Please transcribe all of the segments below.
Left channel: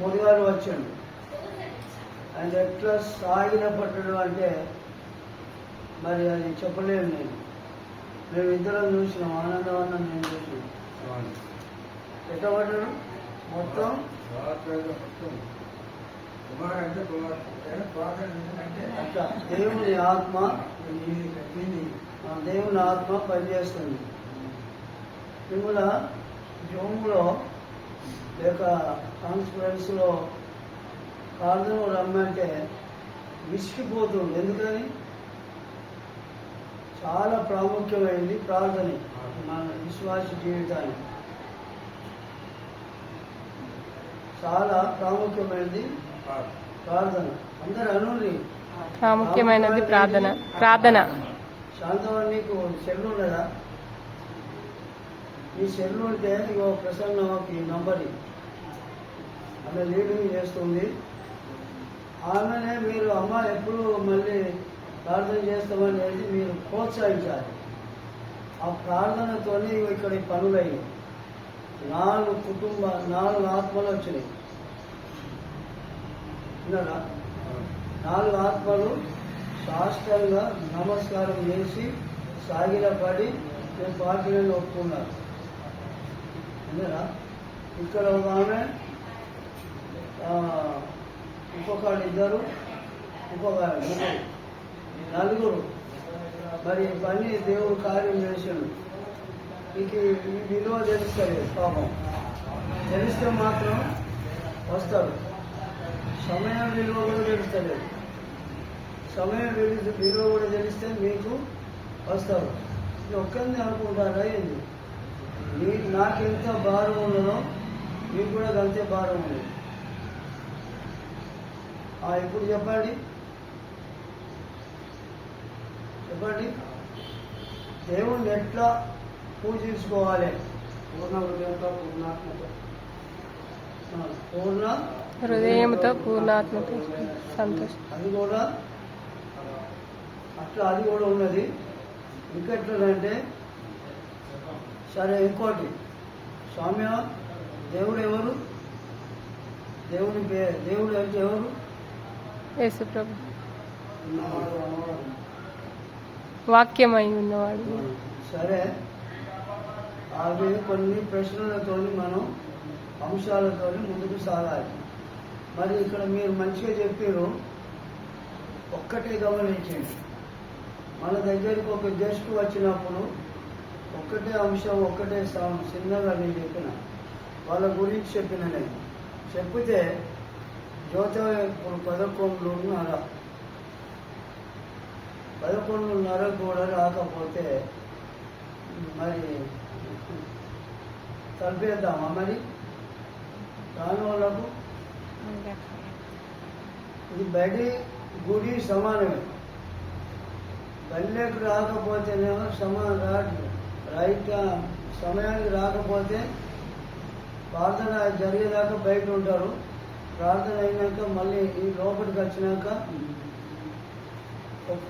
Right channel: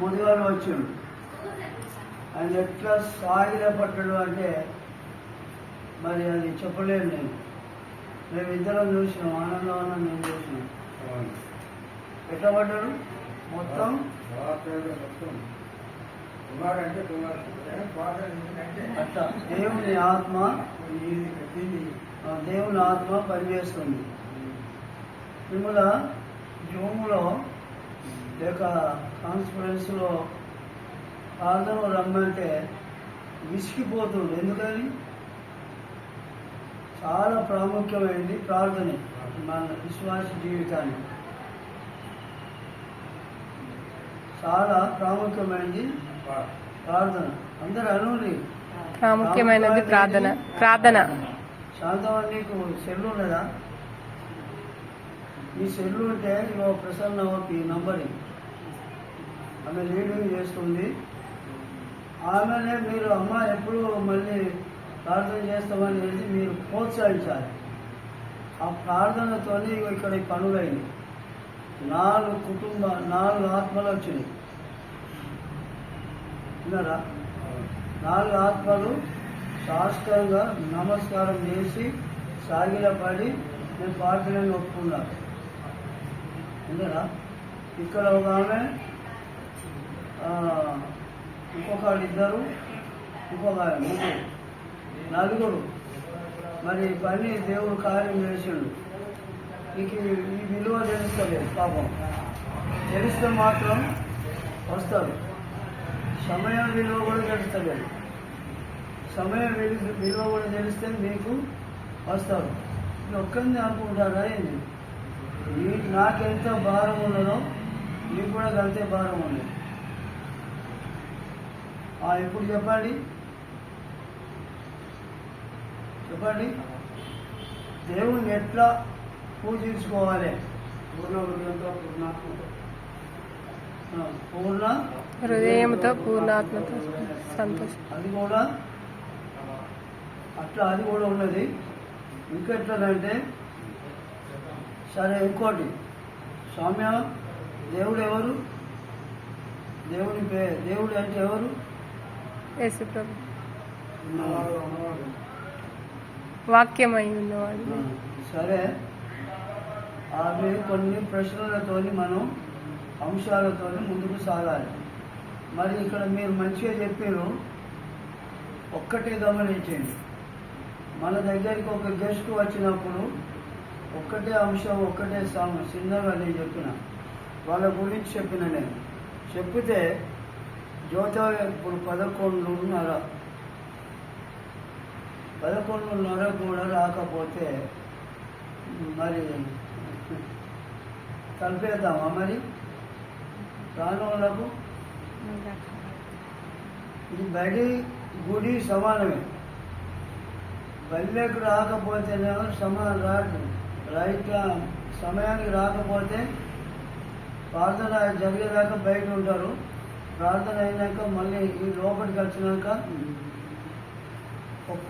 ముదిగారు వచ్చాడు. ఆయన ఎట్లా సాగిన పట్టడు అంటే మరి అది చెప్పలేను నేను. మేమిద్దరం చూసినాం, ఆనందవనం మేము చూసినాం. ఎట్లా పడ్డాడు మొత్తం అట్లా దేవుని ఆత్మ పనిచేస్తుంది. మిమ్మల్ని జూమ్లో లేక కాన్ఫరెన్స్లో ప్రార్థన రమ్మంటే విసిగిపోతుంది. ఎందుకని చాలా ప్రాముఖ్యమైనది ప్రార్థన మన విశ్వాస జీవితానికి. చాలా ప్రాముఖ్యమైనది ప్రార్థన. అందరు అనుని ప్రాముఖ్యమైనది ప్రార్థన. శాంతమని నీకు సెల్లు ఉన్నదా? ఈ సెల్లు ఉంటే ఇగో ప్రసన్నకి నంబరి, ఆమె లీడింగ్ చేస్తుంది. ఆమెనే మీరు అమ్మ ఎప్పుడు మళ్ళీ ప్రార్థన చేస్తామనేది మీరు ప్రోత్సహించాలి. ఆ ప్రార్థనతోనే ఇక్కడ పనులైనవి. 4 ఆత్మలు వచ్చినాయి. విన్నారా? 4 ఆత్మలు శాస్త్రంగా నమస్కారం చేసి సాగిలపడి నేను ప్రార్థనలు ఒప్పుకున్నారు. విన్నారా? ఇక్కడ ఒక ఆమె, ఇంకొక 2, ఇంకొక 3, 4 మరి పని దేవుడు కార్యం చేసిండు. మీకు ఈ విలువ తెలుస్తుంది. పాపం తెలిస్తే మాత్రం వస్తారు. సమయం విలువ కూడా తెలుస్తుంది. సమయం విలువ కూడా తెలిస్తే మీకు వస్తారు. ఇది ఒక్కరిని అనుకుంటారా ఏంది? నాకెంత భారం ఉన్నదో మీకు కూడా అంతే భారం ఉంది. ఇప్పుడు చెప్పండి దేవుణ్ణి ఎట్లా పూజించుకోవాలి? పూర్ణ హృదయంతో పూర్ణాత్మతో సంతోషం. అది కూడా అట్లా అది కూడా ఉన్నది. ఇంకెట్లంటే సరే ఇంకోటి, స్వామ్య దేవుడు ఎవరు? దేవుడు అంటే ఎవరు? యేసు ప్రభు, వాక్యమై ఉన్నవాడు. సరే, అవి కొన్ని ప్రశ్నలతో మనం అంశాలతో ముందుకు సాగాలి. మరి ఇక్కడ మీరు మంచిగా చెప్పారు. ఒక్కటే గమనించండి, మన దగ్గరికి ఒక గెస్ట్ వచ్చినప్పుడు ఒక్కటే అంశం, ఒక్కటే చిన్నగా నేను చెప్పిన వాళ్ళ గురించి చెప్పిన. నేను చెప్తే జ్యోతి ఇప్పుడు 11:30 కూడా రాకపోతే మరి కలిపేద్దామా? మరి రాని వాళ్ళకు ఇది బడి గుడి సమానమే. పల్లెకు రాకపోతేనేమో రైట్ సమయానికి రాకపోతే ప్రార్థన జరిగేదాకా బయట ఉంటారు. ప్రార్థన అయినాక మళ్ళీ ఈ లోపలికి వచ్చినాక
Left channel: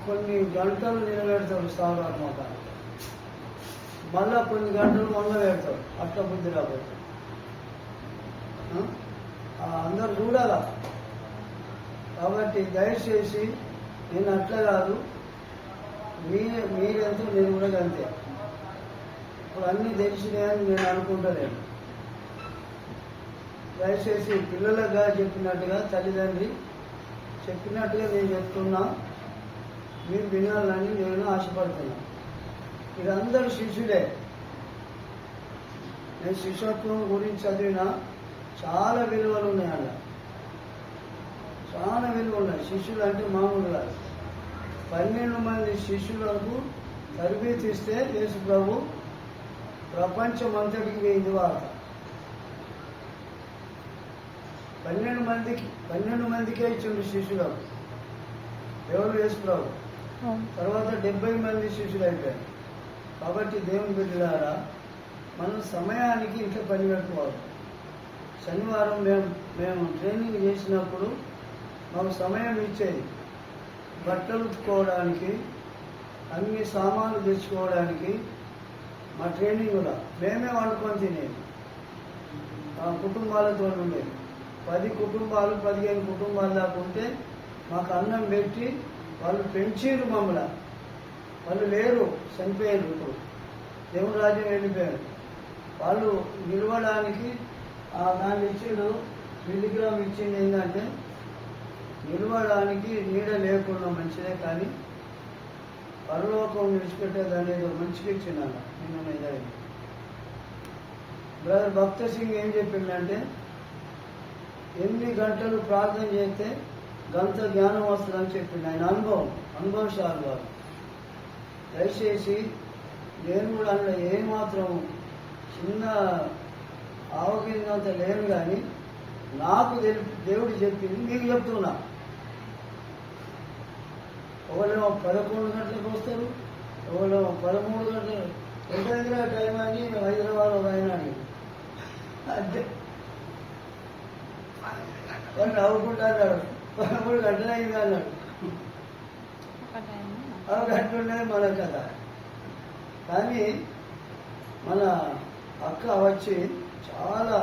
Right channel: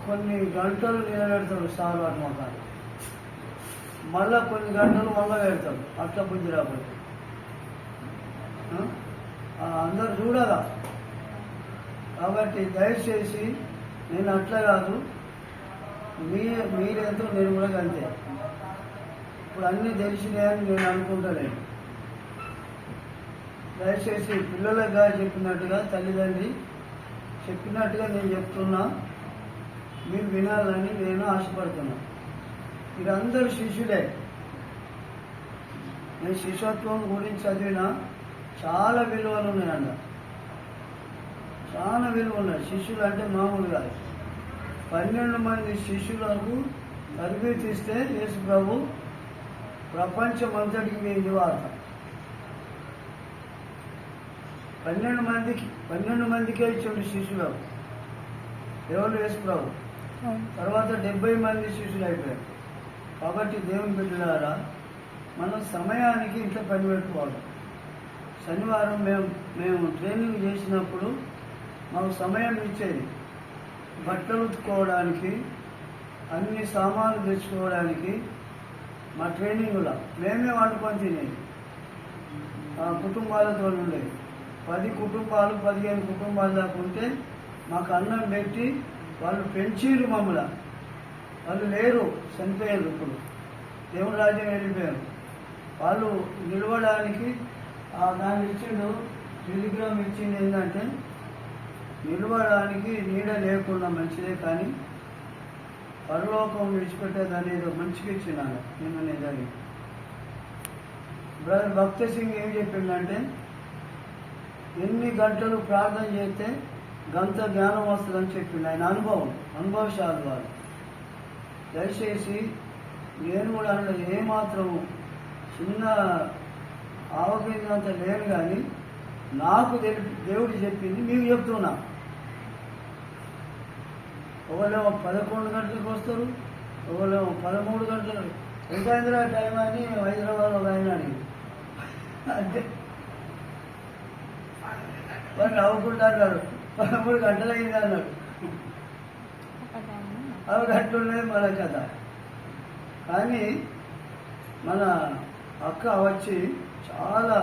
కొన్ని గంటలు నిలబెడతాడు సార్ వారి మొత్తాన్ని, మళ్ళా కొన్ని గంటలు వంగ పెడతాడు. అట్లా బుద్ధి రాకపోతే అందరు చూడాలా. కాబట్టి దయచేసి నేను అట్లా కాదు, మీరెంతో నేను కూడా అంతే. ఇప్పుడు అన్నీ తెలిసినాయని నేను అనుకుంటలేను. దయచేసి పిల్లలుగా చెప్పినట్టుగా, తల్లిదండ్రి చెప్పినట్టుగా నేను చెప్తున్నా, మీరు వినాలని నేను ఆశపడుతున్నా. మీరందరూ శిష్యులే. నేను శిష్యత్వం గురించి చదివిన చాలా విలువలు ఉన్నాయండి, చాలా విలువ ఉన్నాయి. శిష్యులు అంటే మామూలు కాదు. 12 మంది శిష్యులకు తరబేతి ఇస్తే యేసు ప్రభు ప్రపంచం అంతటికి వేయింది వార్త. 12 మందికే ఇచ్చిండు శిష్యులకు దేవుడు యేసు ప్రభు. తర్వాత 70 మంది శిష్యులు అయిపోయారు. కాబట్టి దేవుని బిడ్డలారా, మనం సమయానికి ఇంట్లో పని పెట్టుకోవాలి. శనివారం మేము ట్రైనింగ్ చేసినప్పుడు మాకు సమయం ఇచ్చేది. బట్టలు ఉతుక్కోవడానికి, అన్ని సామాన్లు తెచ్చుకోవడానికి. మా ట్రైనింగ్లో మేమే వండుకొని తినేది, కుటుంబాలతో ఉండేది. 10 కుటుంబాలు 15 కుటుంబాలు దాకా ఉంటే మాకు అన్నం పెట్టి వాళ్ళు పెంచిరు మమ్మల్ని. వాళ్ళు లేరు, చనిపోయారు, ఇప్పుడు దేవుని రాజ్యం వెళ్ళిపోయారు. వాళ్ళు నిలవడానికి దాన్ని ఇచ్చిండు, మిలిగ్రామ్ ఇచ్చింది. ఏంటంటే నిలవడానికి నీడ లేకుండా మంచిదే, కానీ పరలోకం విడిచిపెట్టేది అనేది మంచిగా ఇచ్చినాడు నేను అనేది. బ్రదర్ భక్త సింగ్ ఏం చెప్పిండంటే, ఎన్ని గంటలు ప్రార్థన చేస్తే గంత జ్ఞానం వస్తుందని చెప్పిండు. ఆయన అనుభవశాలు వారు. దయచేసి నేను కూడా అందులో ఏమాత్రము చిన్న ఆవగిందంత లేను, కానీ నాకు దేవుడు చెప్పింది మీకు చెప్తున్నా. ఒకళ్ళేమో 11 గంటలకు వస్తారు, ఒకళ్ళేమో 13 గంటలు. ఎంత అయిందిరా టైం అని హైదరాబాద్ ఒక ఆయన అడిగి అంటే వాడు నవ్వుకుంటా అన్నాడు. 13 గంటలు అయింది అన్నాడు. అవి గంటలున్నది మన కథ. కానీ మన అక్క వచ్చి చాలా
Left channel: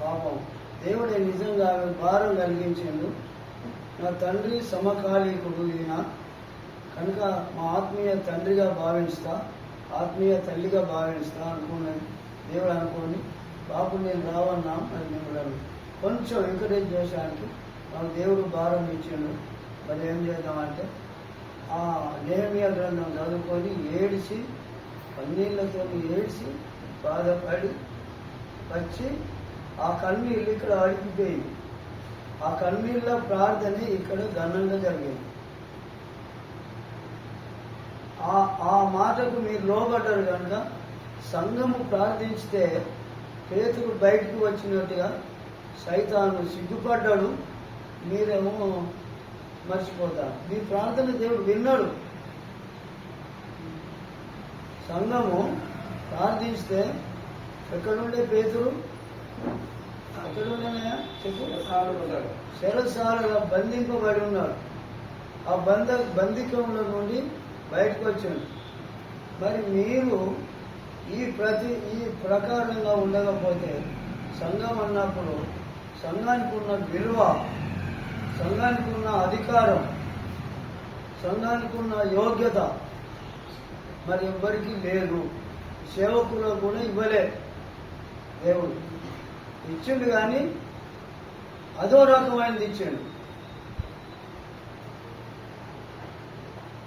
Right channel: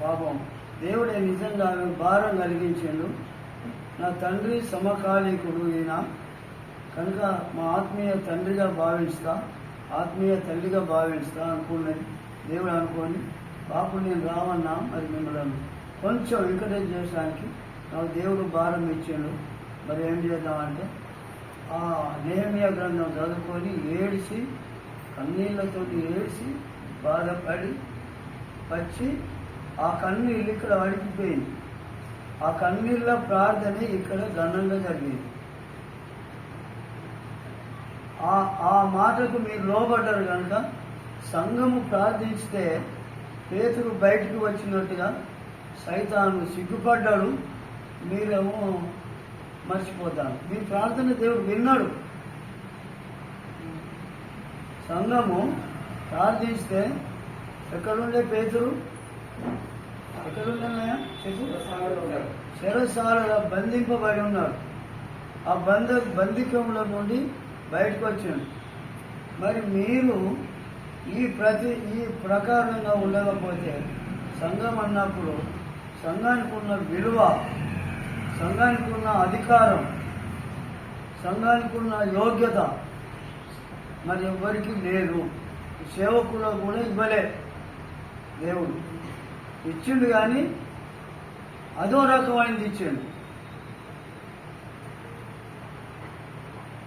పాపం దేవుడే నిజంగా భారం కలిగించాడు. నా తండ్రి సమకాలీకుడు ఈయన కనుక మా ఆత్మీయ తండ్రిగా భావిస్తా, ఆత్మీయ తల్లిగా భావిస్తా అనుకున్నది దేవుడు అనుకొని, పాపం నేను రావన్నా మరి మిమ్మల్ని కొంచెం ఎంకరేజ్ చేయడానికి నాకు దేవుడు భారం ఇచ్చిండు. మరి ఏం చేద్దామంటే ఆ నెహెమ్యా గ్రంథం చదువుకొని ఏడిసి, కన్నీళ్లతో ఏడిసి బాధపడి వచ్చి ఆ కన్నీళ్ళు ఇక్కడ అడిగిపోయింది. ఆ కన్నీళ్ళ ప్రార్థన ఇక్కడ ఘనంగా జరిగింది. ఆ మాటకు మీరు లోబడ్డారు కనుక సంఘము ప్రార్థించితే పేతురు బయటికి వచ్చినట్టుగా సైతాను సిగ్గుపడ్డాడు, మీరేమో మర్చిపోతారు. మీ ప్రార్థన దేవుడు విన్నాడు. సంఘము ప్రార్థిస్తే ఎక్కడుండే పేతురు, ఎక్కడున్నాయా చెరసాలలో బంధింపబడి ఉన్నాడు. ఆ బంధికంలో నుండి బయటకు వచ్చాడు. మరి మీరు ఈ ప్రకారంగా ఉండకపోతే సంఘం అన్నప్పుడు సంఘానికి ఉన్న విలువ, సంఘానికి ఉన్న అధికారం, సంఘానికి ఉన్న యోగ్యత మరి ఎవ్వరికీ లేదు. సేవకులకు కూడా ఇవ్వలే. దేవుడు ఇచ్చిండు, కానీ అదో రకమైనది ఇచ్చాడు.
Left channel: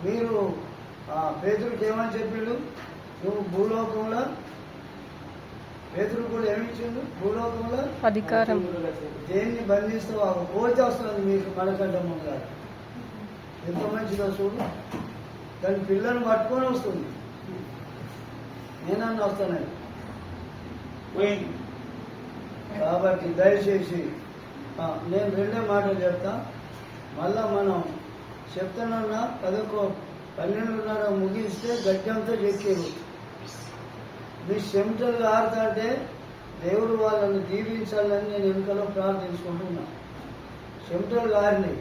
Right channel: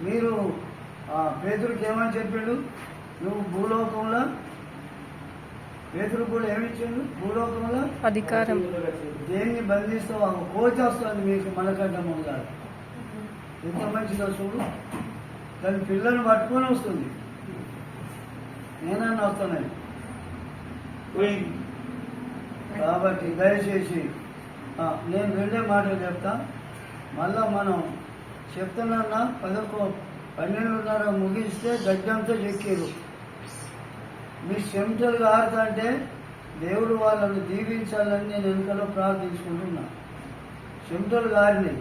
మీరు పేతురుకి ఏమని చెప్పాడు? నువ్వు భూలోకంలో, పేతురు కూడా ఏమిచ్చాడు? భూలోకంలో అధికారం. దేన్ని బంధిస్తావు? ఒక కోతి వస్తుంది మీకు మనకంటే ముందుగా. ఎంత మంచిదో చూడు. దాని పిల్లల్ని పట్టుకొని వస్తుంది. నేనన్నా వస్తానండి. కాబట్టి దయచేసి నేను రెండే మాటలు చెప్తా. మళ్ళా మనం చెప్తానన్నా 12:30 ముగిస్తే గడ్డంతో చెక్కారు. మీ చెమటలు ఆరుతుంటే దేవుడు వాళ్ళని దీవించాలని నేను వెనుకలో ప్రార్థించుకుంటున్నా. చెమటలు గారిని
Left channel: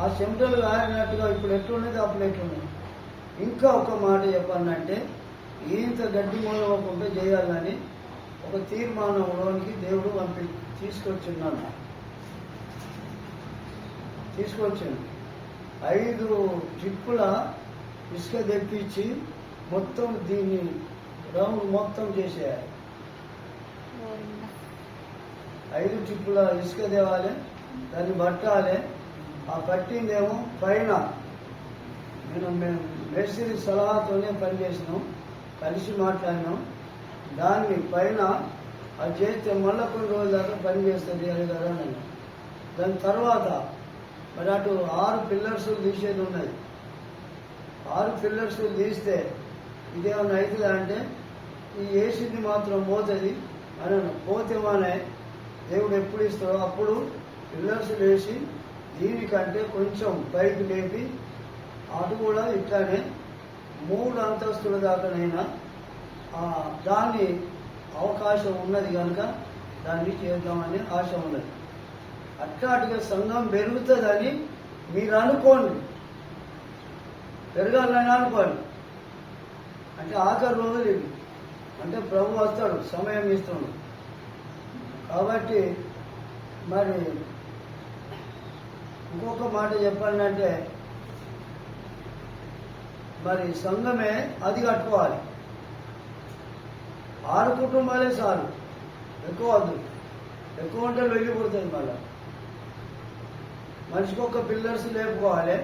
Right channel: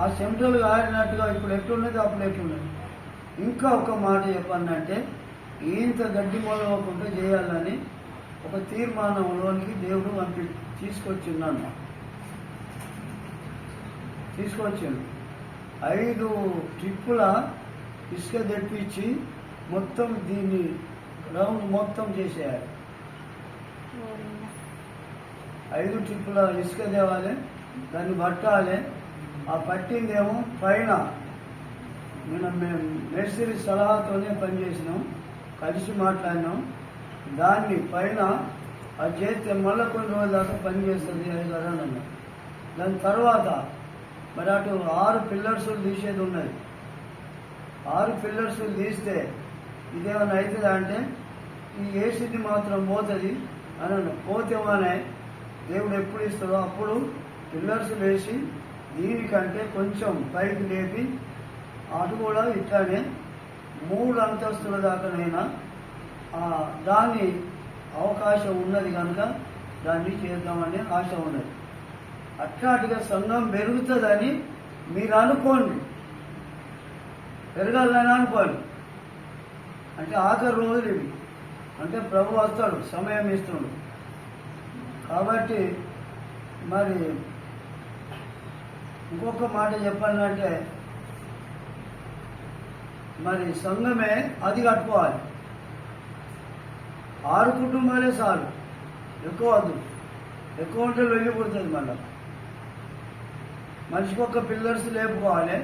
ఆ చెమటలు గారినట్టుగా ఇప్పుడు ఎట్లున్నది అప్పుడు ఎట్లున్నది. ఇంకా ఒక మాట చెప్పానంటే, ఇంత గడ్డి మూలవకుండా చేయాలని ఒక తీర్మానంలోనికి దేవుడు తీసుకొచ్చిండు. 5 ట్రిప్పుల ఇసుక తెప్పించి మొత్తం దీన్ని రౌండ్ మొత్తం చేసేయాలి. 5 ట్రిప్పుల ఇసుక తేవాలి, దాన్ని పట్టాలి. ఆ పట్టిందేమో పైన మేము మేస్త్రి సలహాతోనే పనిచేసినాం, కలిసి మాట్లాడినాం. దాన్ని పైన అది చేస్తే మళ్ళీ కొన్ని రోజుల దాకా పనిచేస్తుంది అని కదా అన్నారు. దాని తర్వాత మరి అటు 6 పిల్లర్స్ తీసేది ఉన్నది. 6 పిల్లర్స్ తీస్తే ఇదేమన్నా అవుతుందా అంటే ఈ ఏసీది మాత్రం పోతుంది అని పోతేమనే దేవుడు ఎప్పుడు ఇస్తాడో అప్పుడు పిల్లర్స్ వేసి దీనికంటే కొంచెం పైకి లేపి అటు కూడా ఇట్లానే 3 అంతస్తుల దాకానైనా దాన్ని అవకాశం ఉన్నది కనుక దాన్ని చేద్దామనే ఆశ ఉన్నది. అట్లాంటిగా సంఘం పెరుగుతుందని మీరు అనుకోండి, పెరగాలని అనుకోండి. అంటే ఆఖరి రోజులు ఇవి. అంటే ప్రభు వస్తాడు, సమయం ఇస్తాడు. కాబట్టి మరి ఇంకొక మాట చెప్పాలంటే మరి సంఘమే అది కట్టుకోవాలి. 6 కుటుంబాలే చాలు, ఎక్కువ వద్దు. ఎక్కువ ఉంటే వెళ్ళిపోతుంది. మళ్ళీ మనిషికి ఒక పిల్లర్స్ లేపుకోవాలి,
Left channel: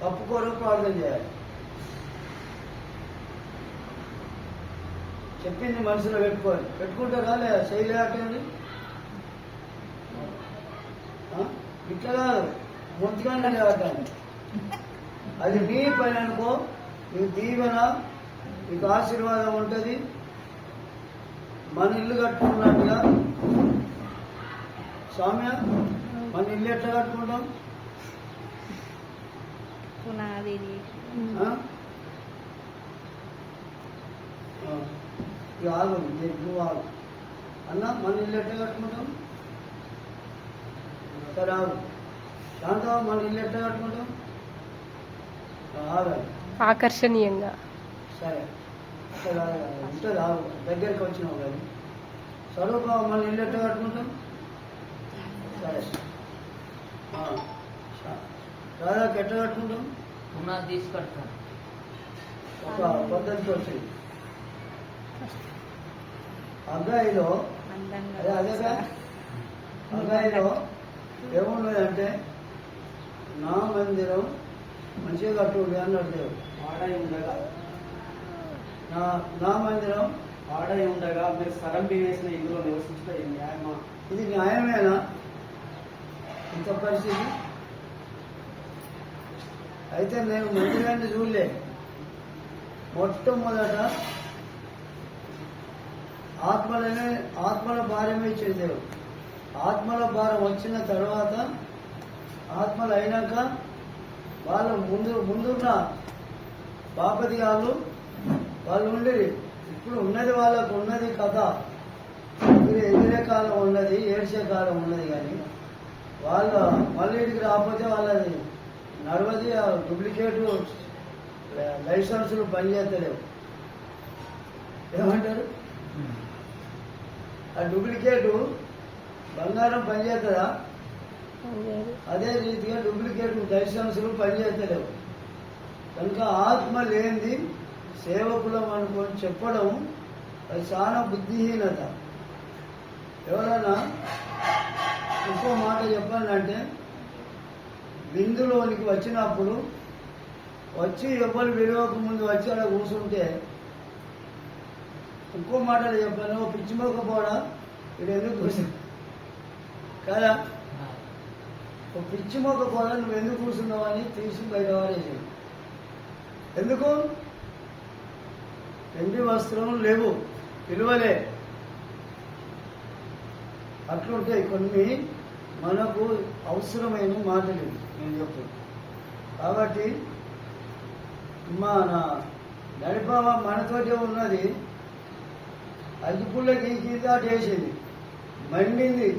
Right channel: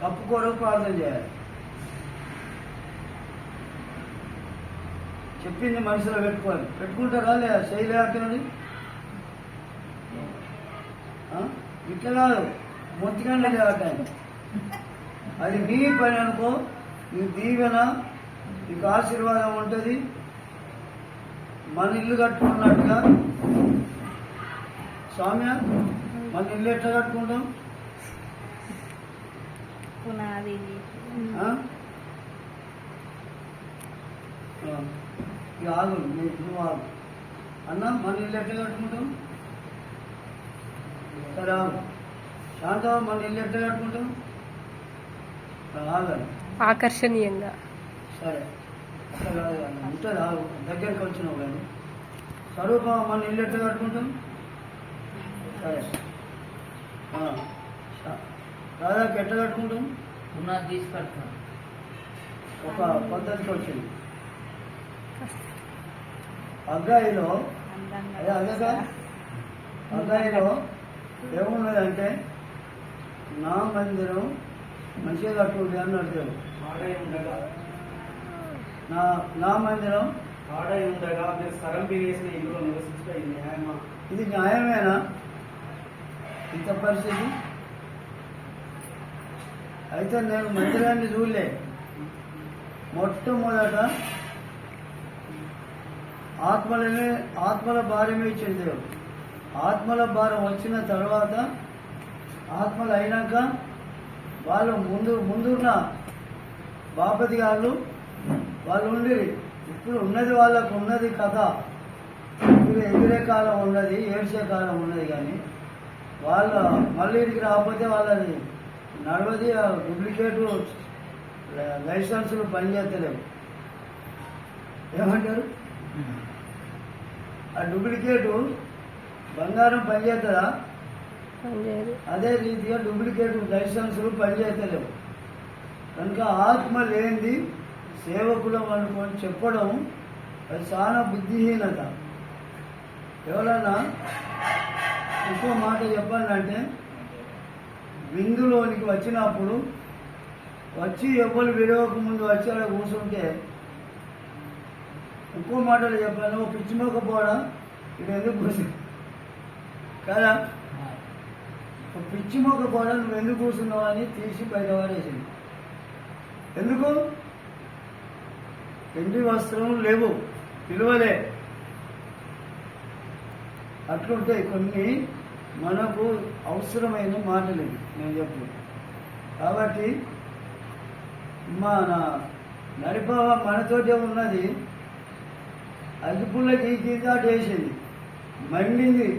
కప్పు కొరకు ప్రార్థన చేయాలి. చెప్పింది మనసులో పెట్టుకుంటారా లేదా? చేయలేటండి ఇట్లా కాదు, మొత్తిగానే లేవటాన్ని. అది నీ పని అనుకో, నీ దీవెన, నీకు ఆశీర్వాదం ఉంటుంది. మన ఇల్లు కట్టుకున్నట్టుగా సౌమ్య, మన ఇల్లు ఎట్లా కట్టుకుంటాం? పునాది ఇక ఆగు, నువ్వు ఆగు అన్న. మన ఇల్లు ఎట్లా కట్టుకుంటాం? సరే ఆగు. శాంతం, మన ఇల్లు ఎట్లా కట్టుకుంటాం? ఆగండి. ఆకర్షణీయంగా. సరే అట్లా కాదు, ఉంటుంది. ఆగు, దగ్గరికి వచ్చినావు కానీ. స్వరూప, మన ఇల్లు ఎట్లా కట్టుకుంటాం? సరే. రాధాకి ఎట్లా కట్టుకుంటాం? ఉన్నది తీసుకొస్తాం. ఒక పద్ధతికి వచ్చింది. అగ్గాయిలో అగ్గాయిలో ఏమున్నదంటే, నా మందిరం మంచిగా కట్టుండి అని అడిగారు. ఆడై ఉండగా నా మందిరం ఆడై ఉండగా మీరు సరంపి వేసిన ఇందులో నివసించడం ఇది న్యాయమా? ఇది న్యాయమేనా ఇంత పరిస్థితి? అయితే నేను మందిరాన్ని చూడలే. మొట్టమొదట ఆత్మల భారమే ఇచ్చింది దేవుడు. ఆత్మల భారం వచ్చిన తర్వాత, ఆత్మలు అయినాక వాళ్ళు ముందున్న బాపతి గారు వాళ్ళు ఉండిరి. ఇప్పుడు ఉన్నది వాళ్ళకు ఉన్నది కథ. ఎదిరే కాలం ఉన్నది, ఏడ్చే కాలం ఉన్నది. కానీ వాళ్ళ మళ్ళీ ఇంటికి రాకపోతే వాళ్ళది నడవది. డూప్లికేట్ లైసెన్సులు పనిచేస్తలేవు. ఏమంటారు? ఆ డూప్లికేటు బంగారం పనిచేస్తుందా? అదే రీతిగా డూప్లికేట్ లైసెన్సులు పనిచేస్తలేవు. కనుక ఆత్మ లేనిది సేవకులం అనుకొని చెప్పడం అది చాలా బుద్ధిహీనత. ఎవరన్నా ఇంకో మాట చెప్పాలంటే, విందులోనికి వచ్చినప్పుడు వచ్చి ఎవరు విడవక ముందు వచ్చి అలా కూర్చుంటే, ఇంకో మాటలు చెప్పాను, ఓ పిచ్చిమోకపోవడం ఇది ఎందుకు కూర్చుంది కదా? ఒక పిచ్చిమోకపోవడం నువ్వు ఎందుకు కూర్చున్నావు అని తీసి బయట పడేసింది. ఎందుకు? ఎండి వస్త్రం లేవు, పిలువలే. అట్లుంటాయి కొన్ని మనకు అవసరమైన మాటలు నేను చెప్పు. కాబట్టి మన నడిపవ మనతోటే ఉన్నది. అగ్గిపుల్లకి గీదాటేసింది, మండింది.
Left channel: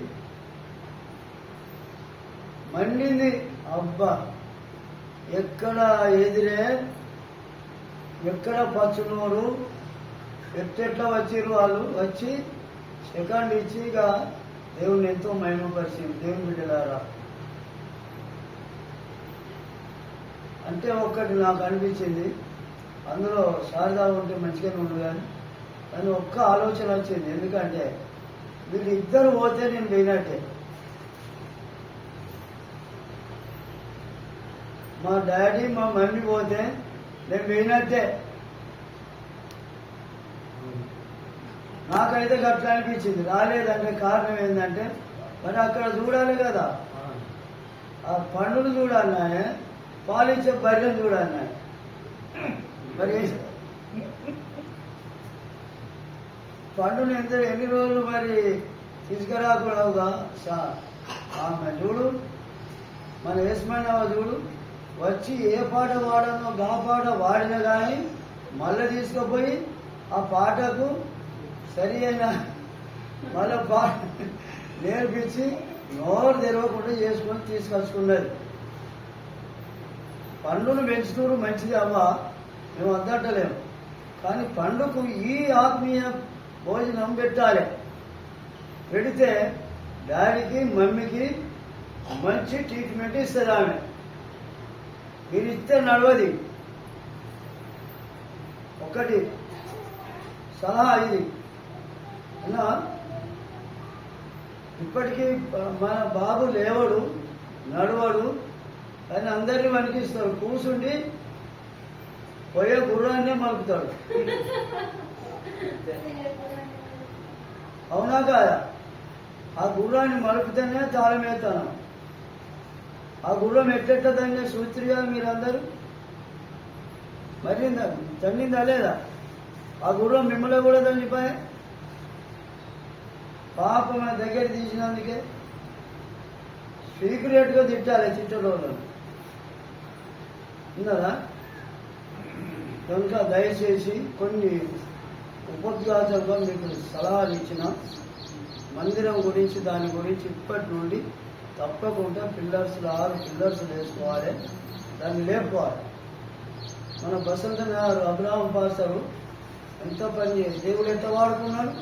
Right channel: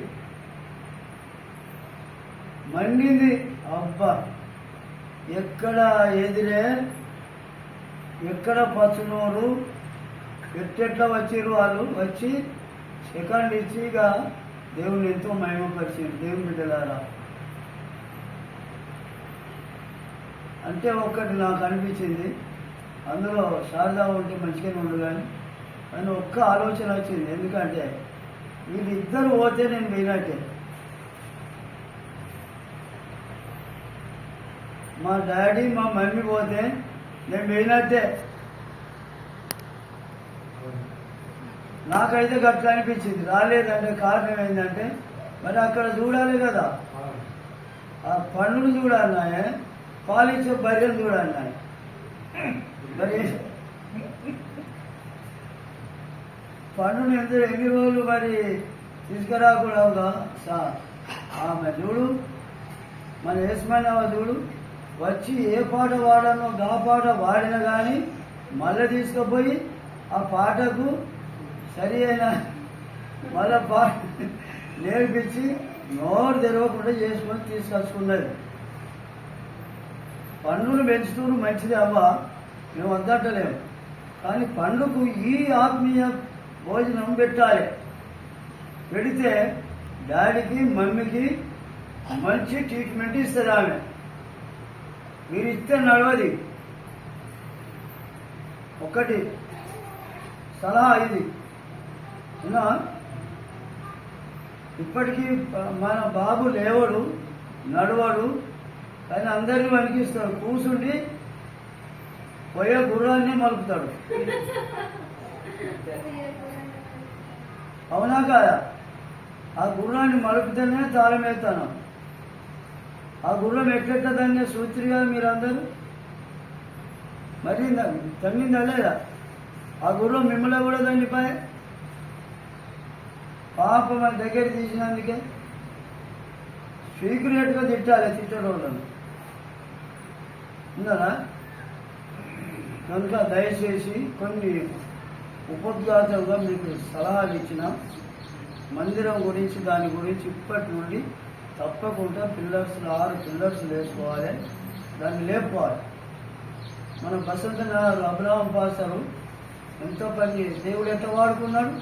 అబ్బా, ఎక్కడ ఎదిరే, ఎక్కడ పచ్చునోరు, ఎట్టెట్లా వచ్చిర్రు వాళ్ళు. వచ్చి సెకండ్ ఇచ్చి ఇక దేవుని ఎంతో మహిమపరిచింది. దేవుని బిడ్డలారా, అంటే ఒక్కటి నాకు అనిపించింది, అందులో శారదా ఉంటే మంచిగానే ఉండు కానీ ఒక్క ఆలోచన వచ్చింది. ఎందుకంటే వీళ్ళిద్దరు పోతే నేను పోయినట్టే. మా డాడీ మా మమ్మీ పోతే నేను పోయినట్టే. నాకైతే గట్లా అనిపించింది. రాలేదంటే కారణం ఏంటంటే, మరి అక్కడ చూడాలి కదా, ఆ పండును చూడాలన్నాయే, పాలిచ్చే బర్రెను చూడాలన్నాయి. మరి పండుని ఎన్ని రోజులు మరి తీసుకురాకూడదుగా ఆమె చూడు, మన ఏసుమన్నవ చూడు, వచ్చి ఏ పాట వాడానో గా పాట వాడినా కానీ మళ్ళీ తీసుకుపోయి ఆ పాటకు సరి అయిన మళ్ళీ పాట నేర్పించి నోరు తెరవకుండా చేసుకొని తీసుకొచ్చుకున్నది. పండును పెంచుతూ మంచిది అవ్వా, మేము వద్దంటలేము. కానీ పండుకు ఈ ఆత్మీయ భోజనం పెట్టాలి. పెడితే డాడీకి మమ్మీకి మంచి ట్రీట్మెంట్ ఇస్తుంది ఆమె. మీరు ఇస్తే నడవది. ఒకటి సలహా ఇది ఉన్నా. ఇప్పటికీ మన బాబు లేవడు, నడవడు, కానీ అందరినీ వణికిస్తాడు. కూసుండి పోయే గుర్రాన్నే మలుపుతాడు. అవునా కాదా? ఆ గుర్రాన్ని మలుపుతేనే తాళం వేస్తాను. ఆ గుర్రం ఎట్టెట్ట దాన్ని సూత్రిగా మీరందరూ మరి తండిందా లేదా? ఆ గుర్రం మిమ్మల్ని కూడా తండిపోయా. పాపం దగ్గర తీసినందుకే సీక్రెట్గా తిట్టాలి తిట్టడం ఉన్నారా? కనుక దయచేసి కొన్ని ఉపద్ఘాతంగా మీకు సలహాలు ఇచ్చిన మందిరం గురించి దాని గురించి ఇప్పటి నుండి తప్పకుండా 6 పిల్లర్స్ వేసుకోవాలి, దాన్ని లేపుకోవాలి. మన బసంత నగర్ అబ్రహం పాస్టరు ఎంతో పని చేసి దేవుడు ఎంత వాడుకున్నాడు.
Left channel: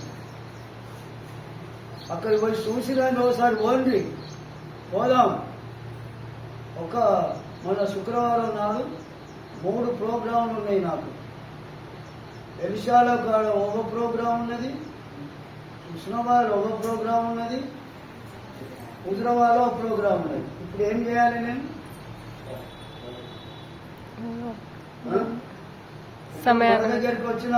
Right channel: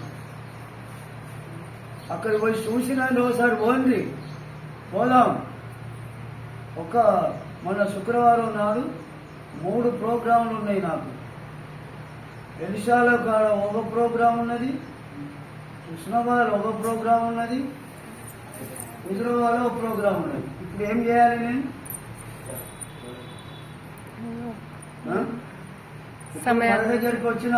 అక్కడికి పోయి చూసిన ఒకసారి పోదాం. మన శుక్రవారం నాడు 3 ప్రోగ్రాంలు ఉన్నాయి నాకు. ఎలిషాలో కాడ ఒక ప్రోగ్రాం ఉన్నది, కృష్ణవాడలో ఒక ప్రోగ్రాం ఉన్నది, హుజరాబాద్లో ఒక ప్రోగ్రాం ఉన్నది. ఇప్పుడు ఏం చేయాలి నేను? మన దగ్గరికి వచ్చిన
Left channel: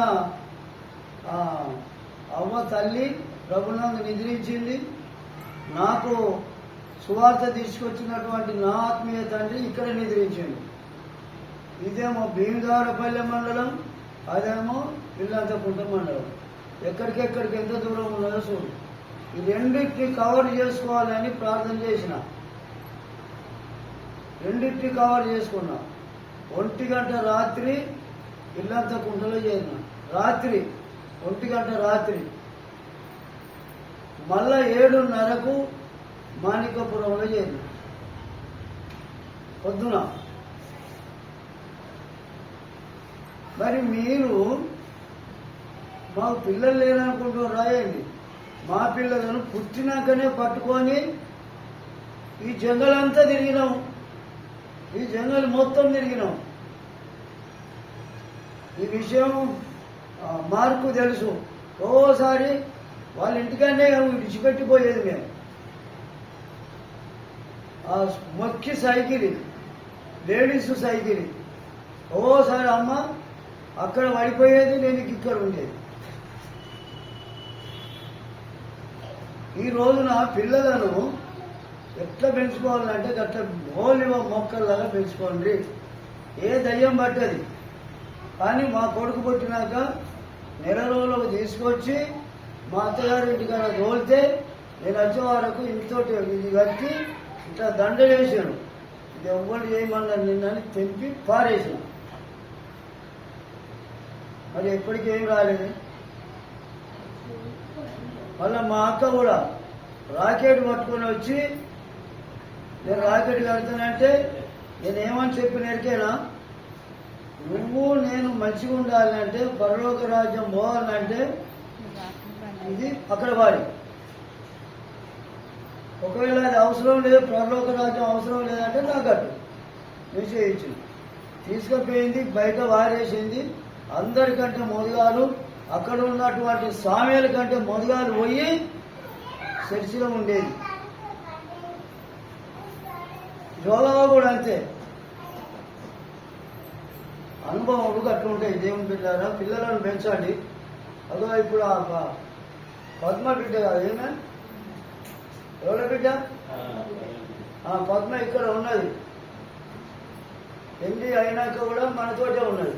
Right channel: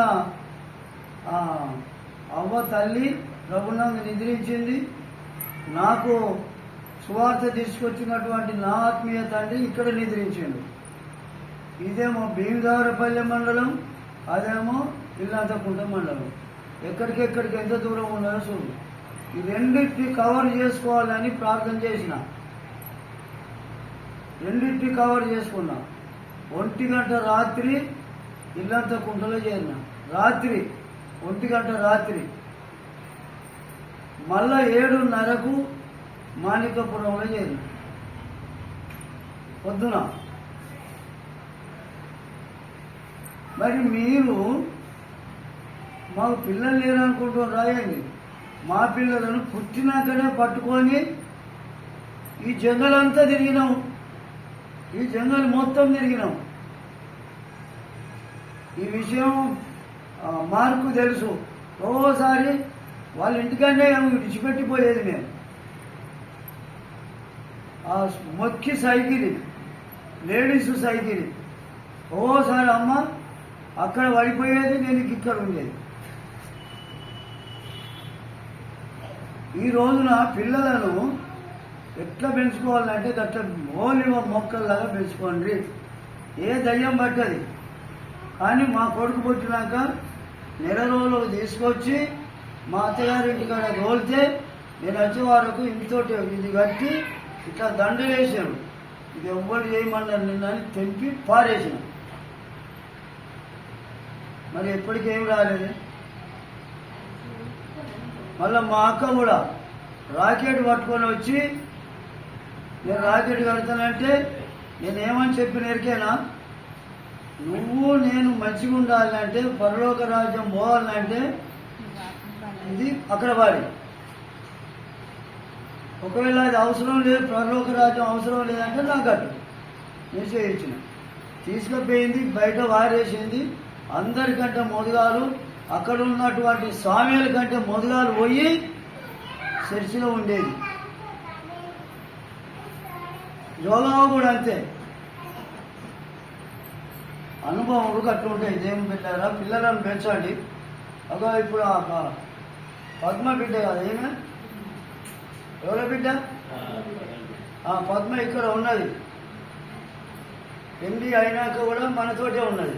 అవ్వ తల్లి ప్రభునందు నిద్రించింది. నాకు సువార్త తీసుకొచ్చినటువంటి నా ఆత్మీయ తండ్రి ఇక్కడ నిద్రించిండు. ఇదేమో భీమదారపల్లె మండలం, అదేమో ఇల్లంతకుంట మండలం. ఎక్కడికెక్కడికి ఎంత దూరం ఉన్నదో చూడు. ఈ రెండింటిని కవర్ చేసుకోవాలని ప్రార్థన చేసిన. రెండింటిని కవర్ చేసుకున్నా. 1 గంట రాత్రి ఇల్లంతకుంటలో చేరిన. రాత్రి 1 గంట రాత్రి మళ్ళా 7:30కు మాణికపురంలో చేరిన. పొద్దున మరి మీరు మాకు పిల్లలు లేరనుకుంటూ రాయండి. మా పిల్లలను పుట్టినాకనే పట్టుకొని ఈ జంగలంతా తిరిగినాము. ఈ జంగల్ మొత్తం తిరిగినాం. ఈ విషయం మార్కు తెలుసు. ఓసారి వాళ్ళ ఇంటికంటే విడిచిపెట్టిపోయేది మేము. ఆ మొక్కి సైకిల్, లేడీస్ సైకిల్. ఓసారి అమ్మ అక్కడ పడిపోయేది, నేను ఇక్కడ ఉండేది. ఈ రోజున పిల్లలను ఎట్లా పెంచుకోవాలంటే గట్ల మోలివ మొక్కల్లాగా పెంచుకోండి. ఏ దయ్యం పట్టది. కానీ మా కొడుకు పుట్టినాక నెల రోజులకు తీసుకొచ్చి మా అత్తగారింటి కాడ తోలితే నేను వచ్చే వరకు ఇంతోటి ఇది కట్టి ఇట్లా దండ వేసాను. ఇది ఎవ్వరు చేయమన్నారు నిన్న అని తెంపి పారేసాను. మరి ఎప్పటికేం రాలేదు. మళ్ళీ మా అక్క కూడా రాకెట్ పట్టుకొని వచ్చి నేను రాకెట్ కడతానంటే నేనేమని చెప్పి ఎరికేనా, నువ్వు నేను మంచిగా ఉండాలంటే పరలోక రాజ్యం పోవాలంటే ఇది అక్కడ వాడి. ఒకవేళ అది అవసరం లేదు, పరలోక రాజ్యం అవసరం లేదంటే నాకు అటు నిశ్చయించిన. తీసుకుపోయింది, బయట వారేసింది. అందరికంటే మొదగాలు అక్కడ ఉన్నటువంటి సామ్యాల కంటే మొదగాలు పోయి చర్చిలో ఉండేది. యోగా కూడా అంతే. అనుభవాలు కట్టుంటాయి. దేవుని బిడ్డారా, పిల్లలను పెంచండి. అదో ఇప్పుడు పద్మ బిడ్డ కదా, ఏమే ఎవరి బిడ్డ? పద్మ ఇక్కడ ఉన్నది. ఎండి అయినాక కూడా మనతోటే ఉన్నది.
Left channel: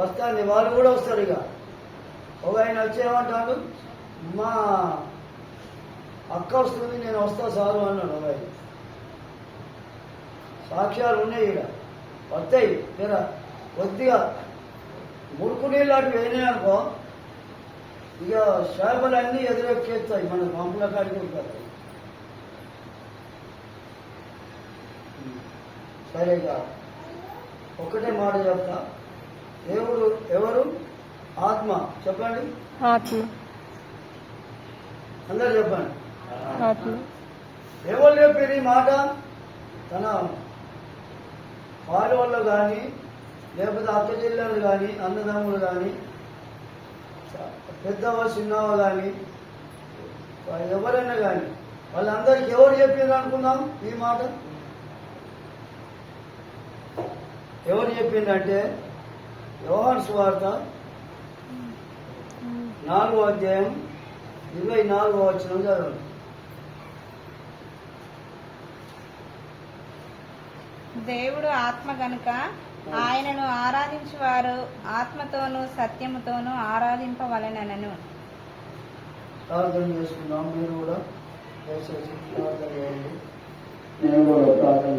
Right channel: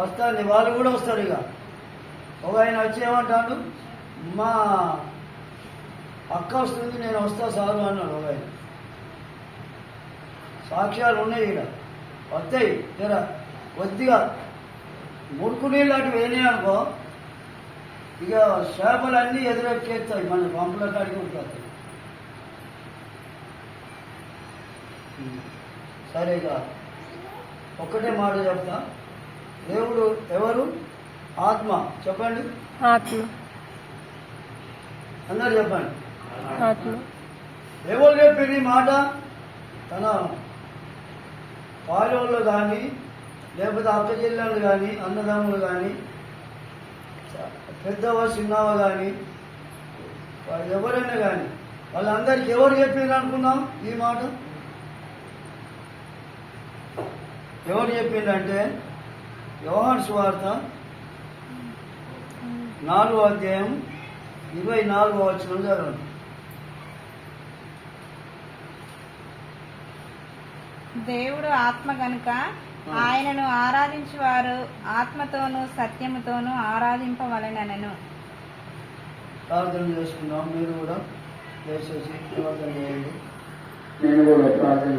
వస్తుంది, వాళ్ళు కూడా వస్తారు. ఇక ఒక ఆయన వచ్చేమంటాడు, మా అక్క వస్తుంది, నేను వస్తా సారు అన్నాడు. ఒక ఆయన సాక్ష్యాలు ఉన్నాయి. ఇక వస్తాయి. జర కొద్దిగా ముడుకు నీళ్ళు అటు వేయినాయి అనుకో, ఇక చేపలన్నీ ఎదురెక్కేస్తాయి, మన పంపుల కాడికి ఉంటాయి. సరేగా ఒక్కటే మాట చెప్తా. దేవుడు ఎవరు? ఆత్మ. చెప్పండి. ఆత్మ. అందరు చెప్పండి. ఆత్మ ఎవరు చెప్పారు ఈ మాట? తన వాళ్ళు కానీ, లేకపోతే అక్క చెల్లెళ్ళు కానీ, అన్నదమ్ములు కానీ, పెద్దవ చిన్నవ కానీ, ఎవరైనా కానీ వాళ్ళందరికీ ఎవరు చెప్పిండ్రు అనుకున్నాం ఈ మాట? ఎవరు చెప్పిందంటే యోహాను సువార్త 4వ అధ్యాయం 24వ వచనం చదవండి. దేవుడు ఆత్మ గనుక ఆయనను ఆరాధించువారు ఆత్మతోనూ సత్యముతోనూ ఆరాధింపవలెనను. ప్రార్థన చేసుకుందాం. మీరు కూడా దయచేసి ప్రార్థన చేయండి. నేను కూడా ప్రార్థన